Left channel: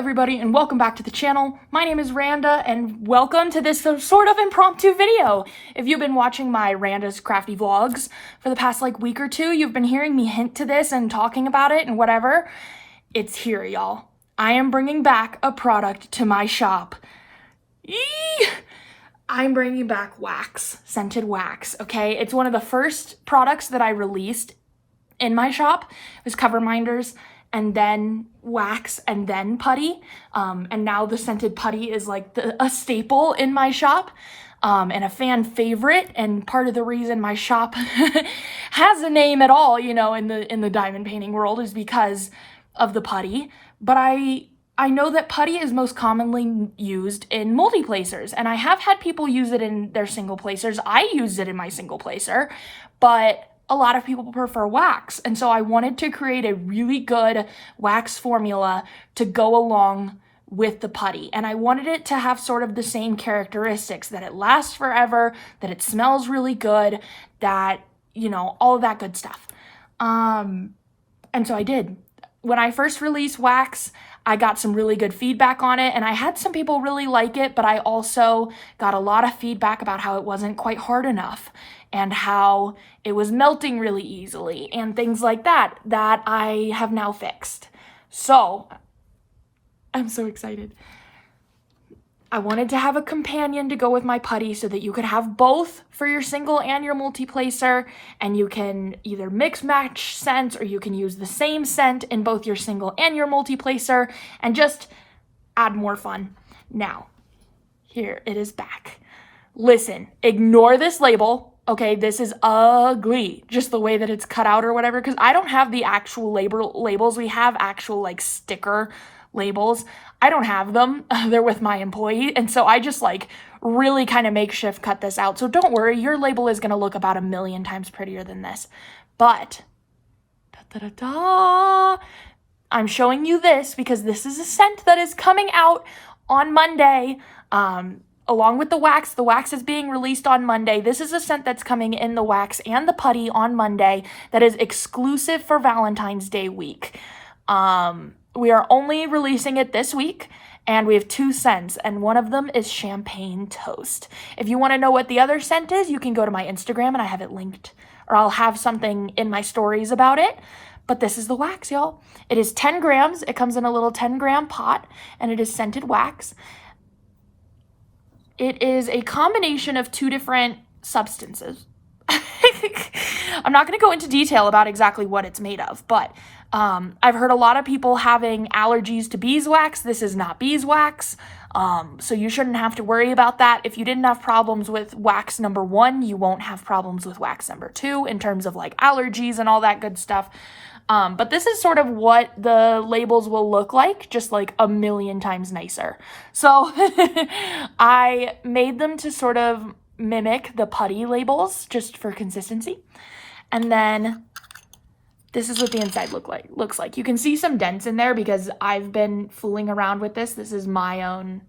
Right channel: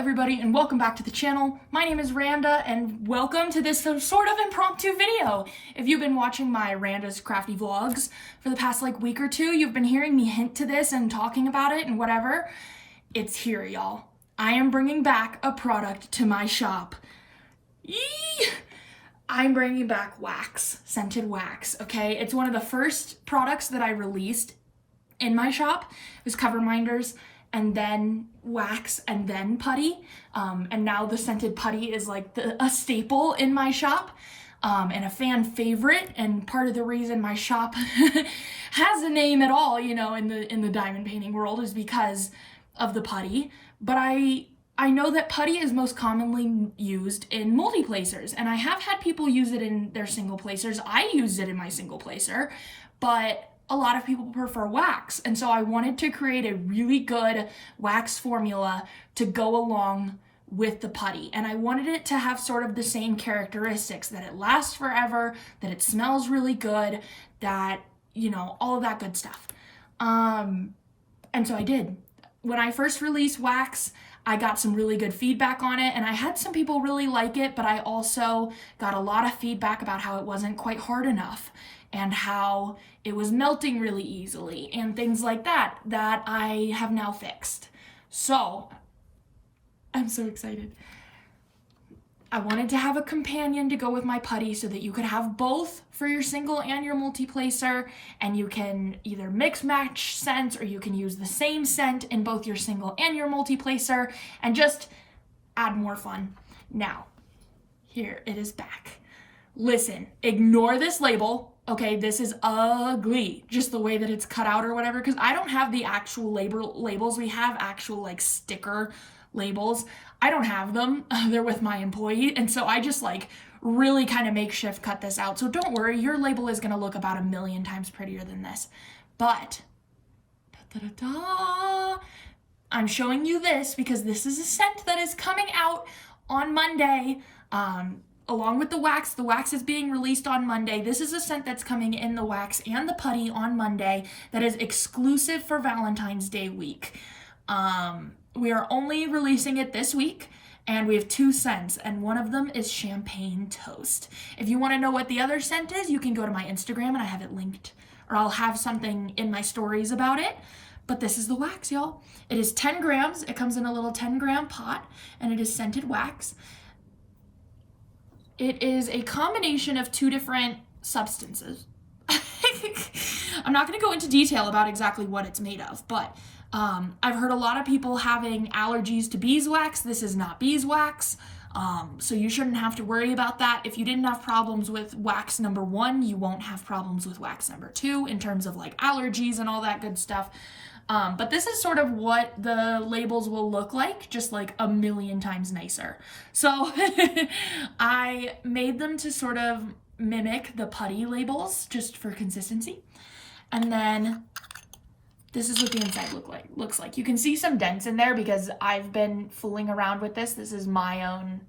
everybody, and welcome back to the channel. My name is Randa, and welcome to this sort of impromptu video. If you've been watching my Randa's Crafty vlogs for the past week or two, you've been hearing me hint to this and talking about it and whatever. It's here, y'all. I am bringing back a product to my shop. Eee! I'm bringing back wax, scented wax, okay? It's one of the first products that I released in my shop. It was cover minders, and then wax, and then putty. And now the scented putty is like a staple in my shop, and a fan favorite, and part of the reason my shop has a name at all, you know, in the diamond painting world is because of the putty. But I know that putty is most commonly used in multi-placers, and I have had people use it in their single placers. I use it in my single placer, but a lot of people prefer wax. And so I wanted to create a really good wax formula to go along with the putty. And I wanted it to have sort of the same characteristics, that it lasts forever, that it smells really good, that, you know, all of that good stuff. And so I did. When I first released wax, I got some really good feedback on it, and I had some people really like it, but I also got a lot of feedback about how it wasn't quite hard enough and how it was melting really easily and things like that I have now fixed. So I'm so excited. I wanted to have a companion to go with my putty so that you could have both for your single and your multi-placer, and you can either mix match scents or you can use the same scent in both your single and your multi-placer and just add more fun. Now, here it is back. Listen, ignore this label. Okay, this is ugly, just the way that it's cut out or whatever, because I don't have the actual labels. We have actual sticker labels. I don't have them. They're with my employee, and so I just really kind of makeshift cut this out. So don't worry, your label is going to look about 1,000,000 times prettier than this. But I'm showing you this because this is a scent that is coming out on Monday. Along with the wax is being released on Monday. This is a scent that's coming in the wax and the putty on Monday that is exclusive for Valentine's Day week. We are only releasing it this week, and we have 2 scents, and one of them is Champagne Toast. If you want to know what the other scent is, you can go to my Instagram, and I have it linked, or I'll have something in my stories about it. But this is the wax, y'all. It is 10 grams. It comes in a little 10-gram pot, and it is scented wax. It is a combination of 2 different substances. I'm not going to go into detail about exactly what it's made of, but I've heard a lot of people having allergies to beeswax. This is not beeswax, so you shouldn't have to worry about that. If you didn't have problems with wax number 1, you won't have problems with wax number 2 in terms of allergies and all that good stuff. But this is sort of what the labels will look like, just 1,000,000 times nicer. So I made them to sort of mimic the putty labels just for consistency. And then this is what the inside looks like. You can see some dents in there because I've been fooling around with this. This is my own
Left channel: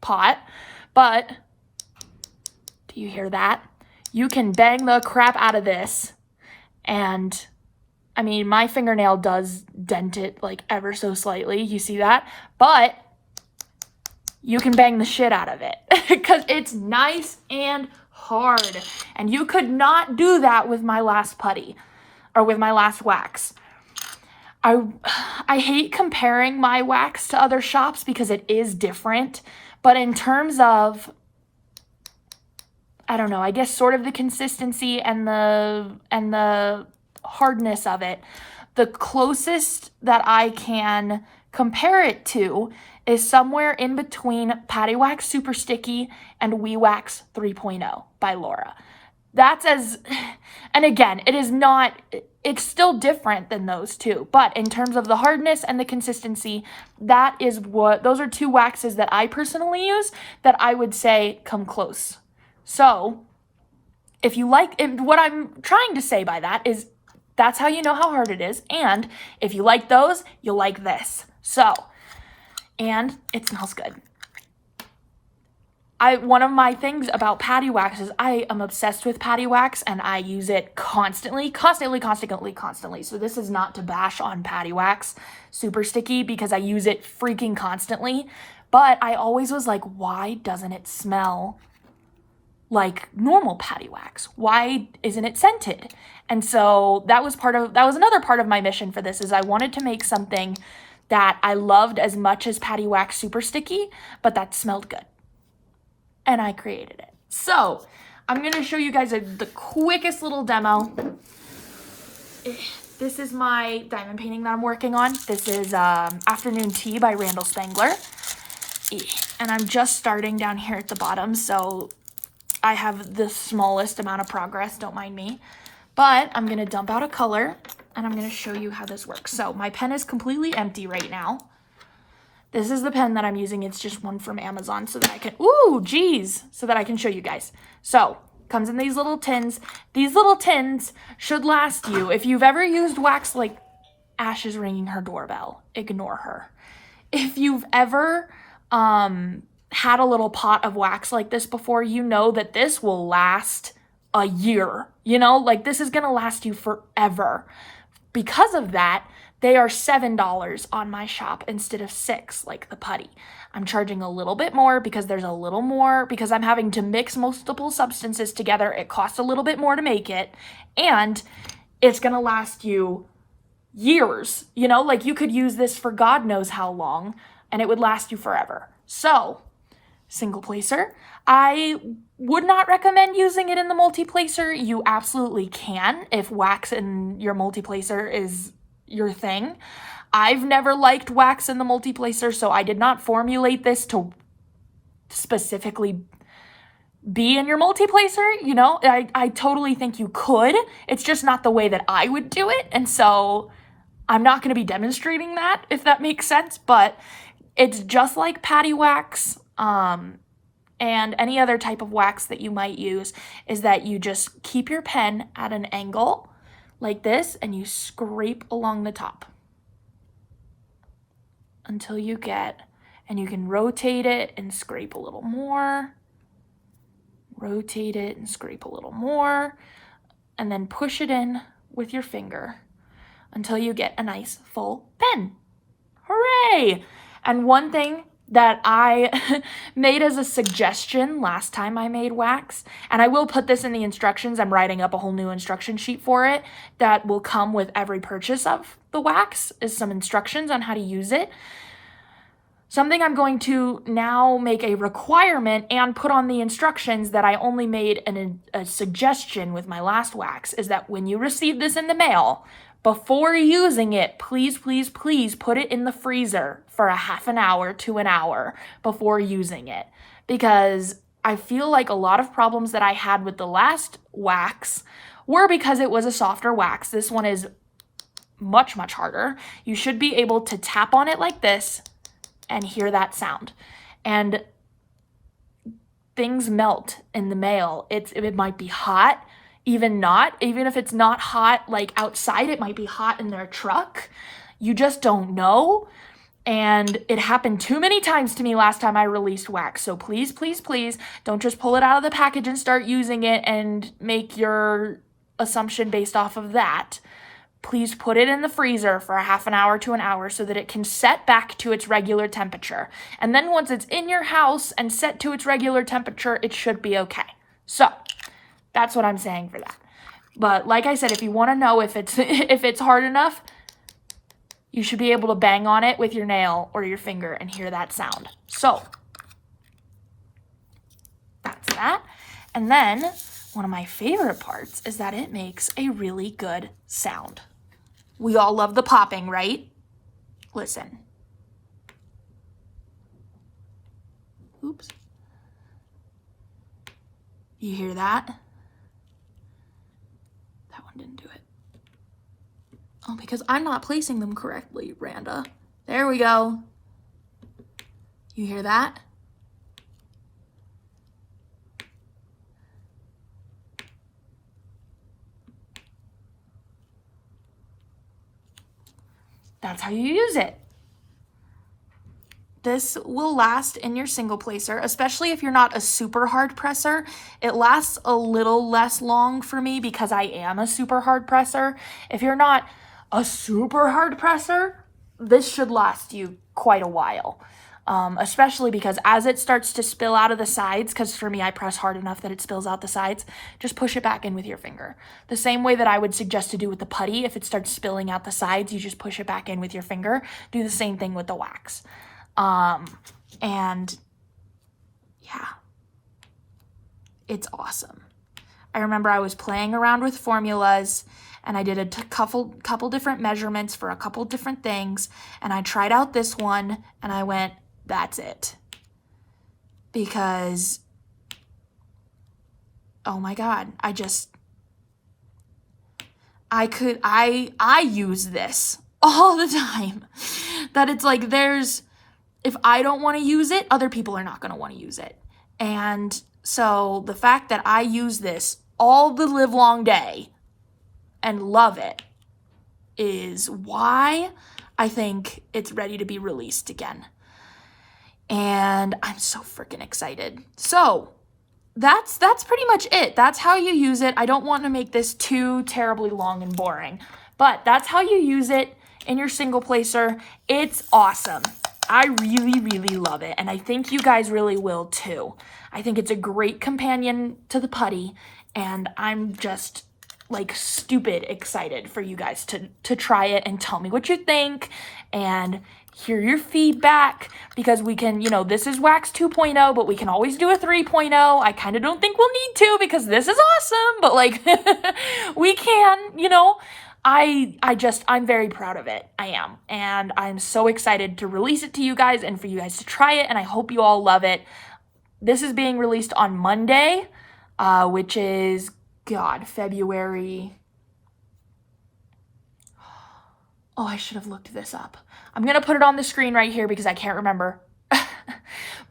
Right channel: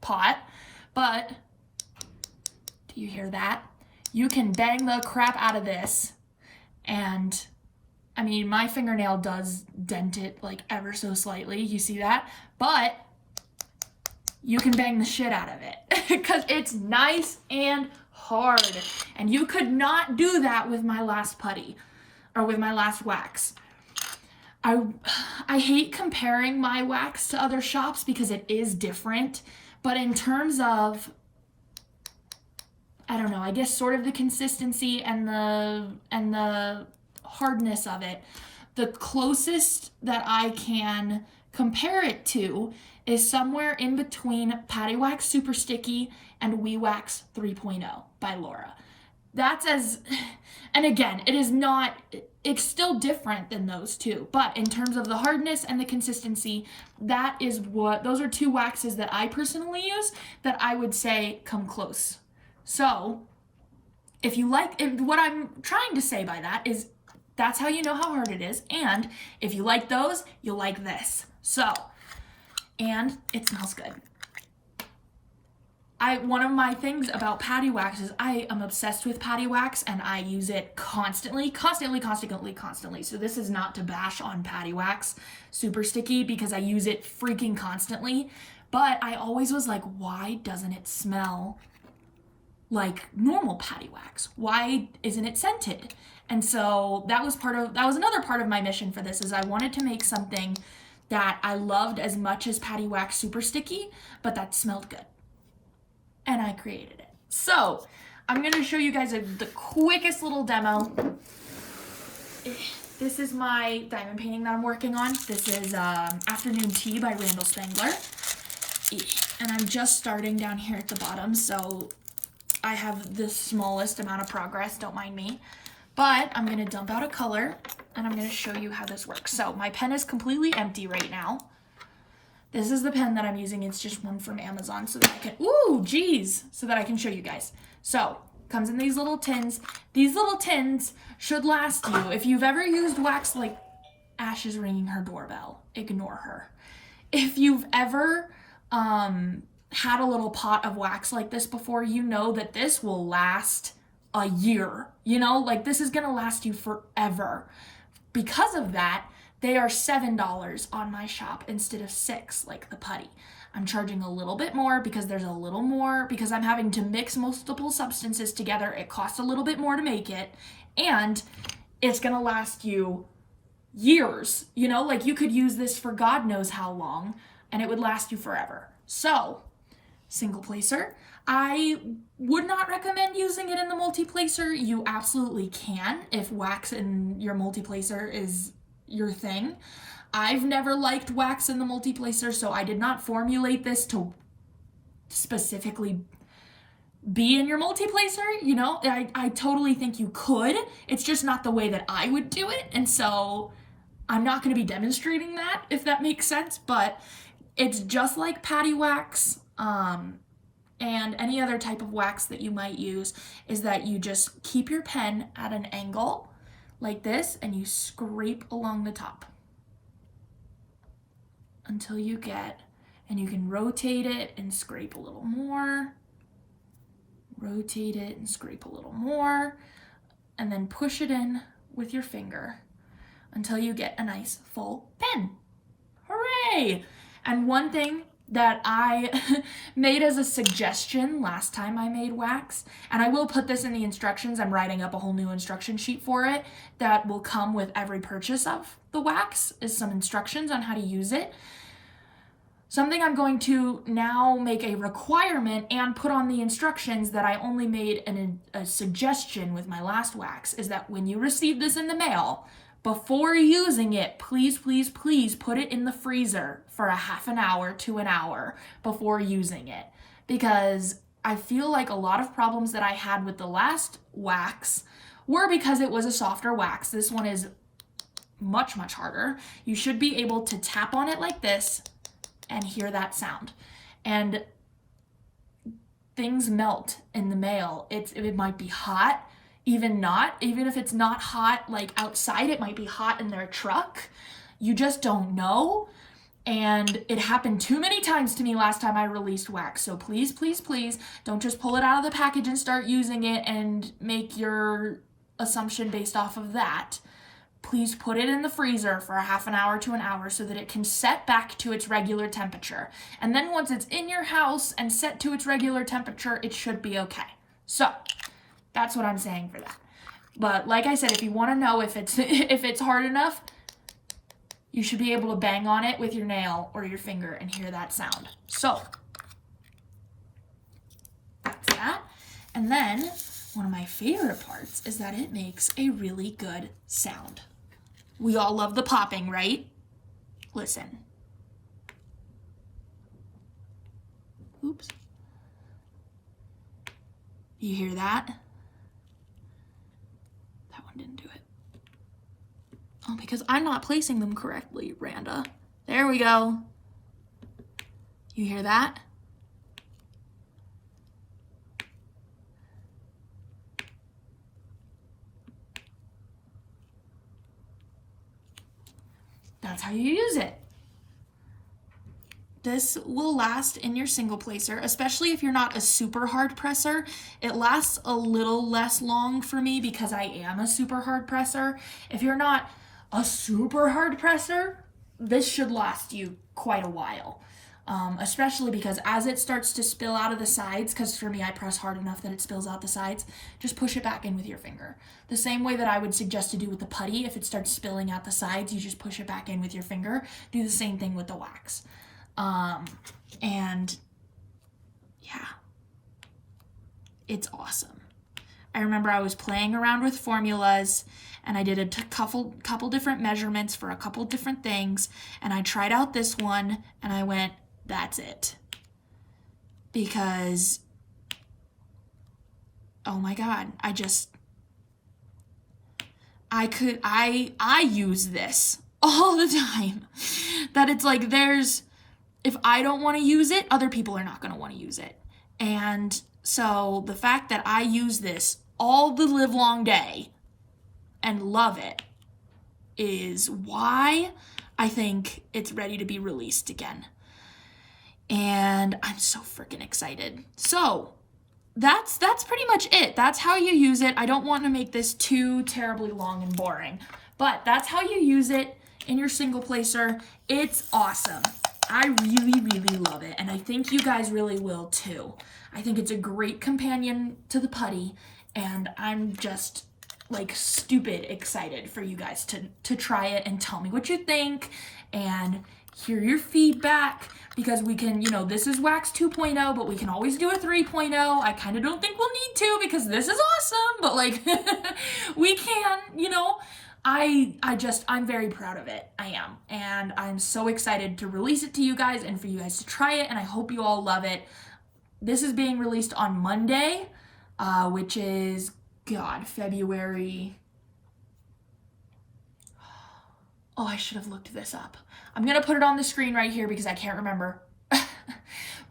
pot. But do you hear that? You can bang the crap out of this. And I mean, my fingernail does dent it ever so slightly. You see that? But you can bang the shit out of it because it's nice and hard. And you could not do that with my last putty or with my last wax. I hate comparing my wax to other shops because it is different. But in terms of, I don't know, I guess sort of the consistency and the hardness of it, the closest that I can compare it to is somewhere in between Patty Wax Super Sticky and We Wax 3.0 by Laura. And again, it's still different than those two, but in terms of the hardness and the consistency, those are 2 waxes that I personally use that I would say come close. So if you what I'm trying to say by that is that's how you know how hard it is. And if you like those, you'll like this. So, and it smells good. one of my things about patty wax is I am obsessed with patty wax, and I use it constantly. So this is not to bash on patty wax, super sticky, because I use it freaking constantly. But I always was like, why doesn't it smell like normal patty wax? Why isn't it scented? And so that was another part of my mission for this, is I wanted to make something that I loved as much as patty wax super sticky, but that smelled good. And I created it. So I'm gonna show you guys the quickest little demo. This is my diamond painting that I'm working on. This is Afternoon Tea by Randa Spangler. And I'm just starting down here at the bottom, so I have the smallest amount of progress, don't mind me. But I'm gonna dump out a color, and I'm gonna show you how this works. So my pen is completely empty right now. This is the pen that I'm using. It's just one from Amazon, so that I can, so that I can show you guys. So, comes in these little tins. These little tins should last you. If you've ever used wax, like Ash is ringing her doorbell, ignore her. If you've ever had a little pot of wax like this before, you know that this will last a year. You know, like this is gonna last you forever. Because of that, they are $7 on my shop instead of $6 like the putty. I'm charging a little bit more because there's a little more, because I'm having to mix multiple substances together. It costs a little bit more to make it, and it's gonna last you years. You know, like you could use this for God knows how long, and it would last you forever. So, single placer. I would not recommend using it in the multi-placer. You absolutely can if wax in your multi-placer is your thing. I've never liked wax in the multi-placer, so I did not formulate this to specifically be in your multi-placer. You know, I totally think you could. It's just not the way that I would do it, and so I'm not going to be demonstrating that, if that makes sense, but it's just like patty wax, and any other type of wax that you might use, is that you just keep your pen at an angle like this, and you scrape along the top until you get, and you can rotate it and scrape a little more, rotate it and scrape a little more, and then push it in with your finger until you get a nice full pen. Hooray! And one thing that I made as a suggestion last time I made wax, and I will put this in the instructions. I'm writing up a whole new instruction sheet for it that will come with every purchase of the wax, is some instructions on how to use it. Something I'm going to now make a requirement and put on the instructions that I only made a suggestion with my last wax, is that when you receive this in the mail, before using it, please, please, please put it in the freezer for a half an hour to an hour before using it. Because I feel like a lot of problems that I had with the last wax were because it was a softer wax. This one is much, much harder. You should be able to tap on it like this and hear that sound. And things melt in the mail. It might be hot. Even if it's not hot, like outside, it might be hot in their truck. You just don't know. And it happened too many times to me last time I released wax. So please, please, please don't just pull it out of the package and start using it and make your assumption based off of that. Please put it in the freezer for a half an hour to an hour so that it can set back to its regular temperature. And then once it's in your house and set to its regular temperature, it should be okay. So that's what I'm saying for that. But like I said, if you want to know if it's hard enough, you should be able to bang on it with your nail or your finger and hear that sound. So that's that. And then one of my favorite parts is that it makes a really good sound. We all love the popping, right? Listen. Oops. You hear that? That one didn't do it. Oh, because I'm not placing them correctly, Randa. There we go. You hear that? That's how you use it. this will last in your single placer, especially if you're not a super hard presser. It lasts a little less long for me because I am a super hard presser. If you're not a super hard presser, this should last you quite a while. Especially because as it starts to spill out of the sides, because for me, I press hard enough that it spills out the sides, just push it back in with your finger. The same way that I would suggest to do with the putty. If it starts spilling out the sides, you just push it back in with your finger. Do the same thing with the wax. And yeah, it's awesome. I remember I was playing around with formulas and I did a couple different measurements for a couple different things, and I tried out this one and I went, that's it. Because, oh my God, I use this all the time. That it's like if I don't want to use it, other people are not going to want to use it. And so the fact that I use this all the live long day and love it is why I think it's ready to be released again. And I'm so freaking excited. So that's pretty much it. That's how you use it. I don't want to make this too terribly long and boring, but that's how you use it in your single placer. It's awesome. I really, really love it. And I think you guys really will too. I think it's a great companion to the putty, and I'm just like stupid excited for you guys to try it and tell me what you think and hear your feedback, because we can, this is Wax 2.0, but we can always do a 3.0. I kind of don't think we'll need to because this is awesome, but like we can, I'm very proud of it. I am. And I'm so excited to release it to you guys and for you guys to try it. And I hope you all love it. This is being released on Monday, which is, February. Oh, I should have looked this up. I'm going to put it on the screen right here because I can't remember.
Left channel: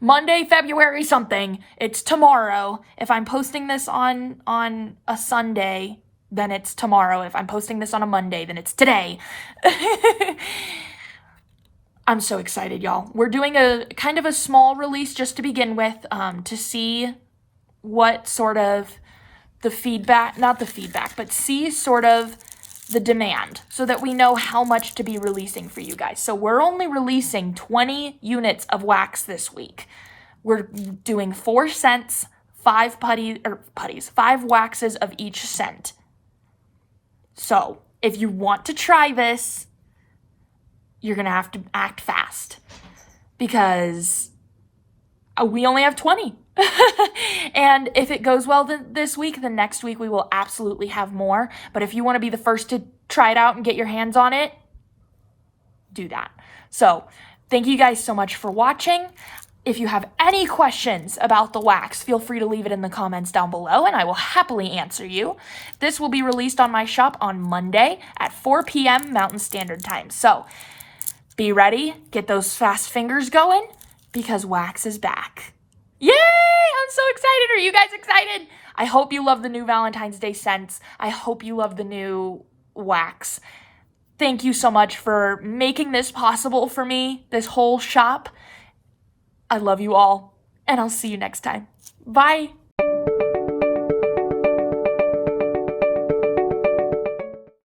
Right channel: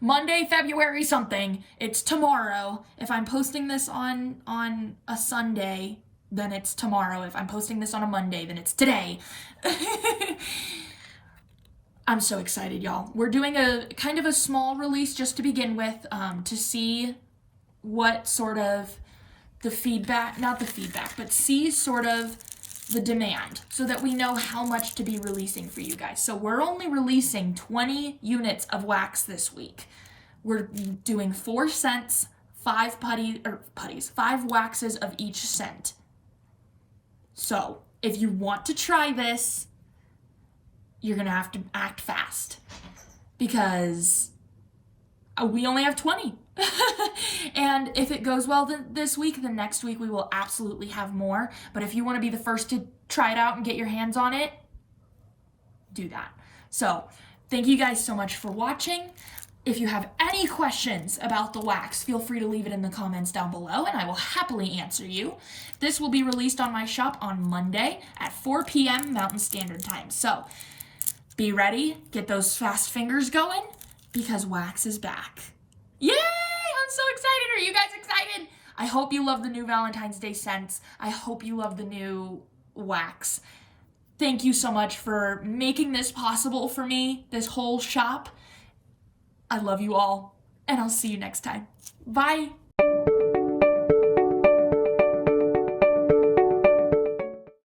Monday, February something. It's tomorrow. If I'm posting this on a Sunday, then it's tomorrow. If I'm posting this on a Monday, then it's today. I'm so excited, y'all. We're doing a kind of a small release just to begin with, to see what sort of the feedback, not the feedback, but see sort of the demand so that we know how much to be releasing for you guys. So we're only releasing 20 units of wax this week. We're doing 4 scents, 5 5 waxes of each scent. So if you want to try this, you're going to have to act fast because we only have 20. And if it goes well this week, then next week we will absolutely have more. But if you want to be the first to try it out and get your hands on it, do that. So thank you guys so much for watching. If you have any questions about the wax, feel free to leave it in the comments down below and I will happily answer you. This will be released on my shop on Monday at 4 p.m. Mountain Standard Time. So be ready, get those fast fingers going because wax is back. Yay! I'm so excited. Are you guys excited? I hope you love the new Valentine's Day scents. I hope you love the new wax. Thank you so much for making this possible for me, this whole shop. I love you all, and I'll see you next time. Bye.